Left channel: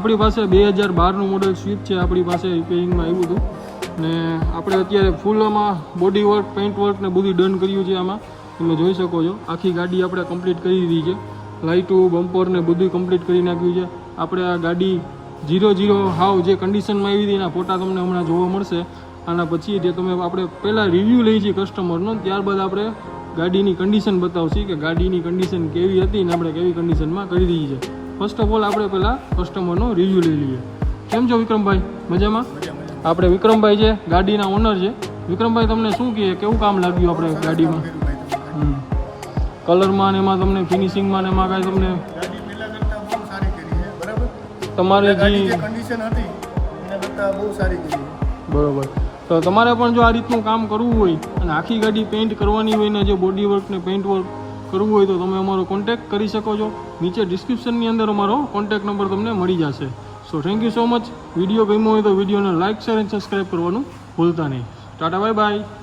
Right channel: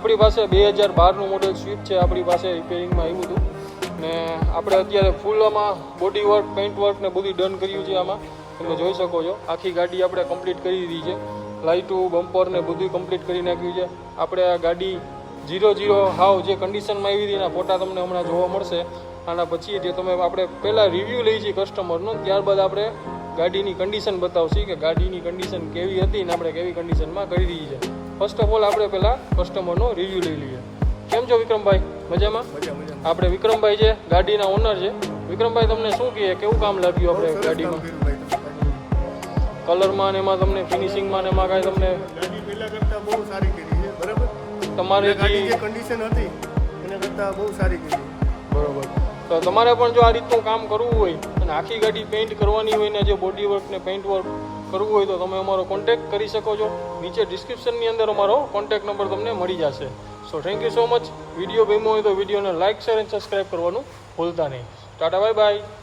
આપણી પાસે 2012નું model Swift છે આપણી પાસે રિપેરિંગમાં આવ્યું હતું ને આપણે અત્યારે ફૂલ આમાં બોડી વર્ક પેઇન્ટ વર્ક ને બધું ડન કર્યું છે આમાં તમે જોઈ શકો છો આખી ગાડી આપણે કમ્પ્લીટ કરી દીધી છે લાઇટો બમ્પર ને બધું કમ્પ્લીટ કરી નાખ્યું છે આપણે આ ગાડી 0 હાવ જે કન્ડિશનમાં આવી હતી એના ફોટા તમને હમણાં જોવા મળશે આના પછી જે તમે આપણે પહેલાં રિવ્યૂ લઈ છીએ કસ્ટમરનો ત્યારબાદ આપણે ગાડીની કન્ડિશન બતાવશી કે ગાડીની કન્ડિશન કેવી હતી ને આપણે કેવી કન્ડિશનમાં કરી દીધી છે ફર્સ્ટ ઓફ ઓલ આપણે પહેલાં કસ્ટમરનો રિવ્યૂ લઈ લઈએ કેમ છો વિક્રમભાઈ મજામાં આપણે વિક્રમભાઈ છે ગાડીના ઓનર છે વિક્રમભાઈ તમને શું કહે કેવું કામ લાગ્યું આપણે ગાડીમાં કલરમાં ને એમાં તમને ફિનિશિંગમાં ને એમાં કાંઈ તમને તમારી ગાડી જે કન્ડિશન હતી એના કરતાં બહુ સારી કરી બરોબર તો તમારે પણ જો આ રીતનું કામ કરવું હોય અને આખી ગાડી પેઇન્ટ કરવાની હોય ને જે બોડી વર્ક ને પેઇન્ટ વર્ક કરવું હોય તો તમે અમારો કોન્ટેક્ટ કરી શકો છો નીચે ડિસ્ક્રિપ્શનની અંદર અમારો કોન્ટેક્ટ નંબર તમને મળી જશે so thank you so much video ગમ્યો હોય તો વિડીયોને લાઇક શેર અને સબસ્ક્રાઈબ કરવાનું ભૂલતા નહીં ટાટા બાય બાય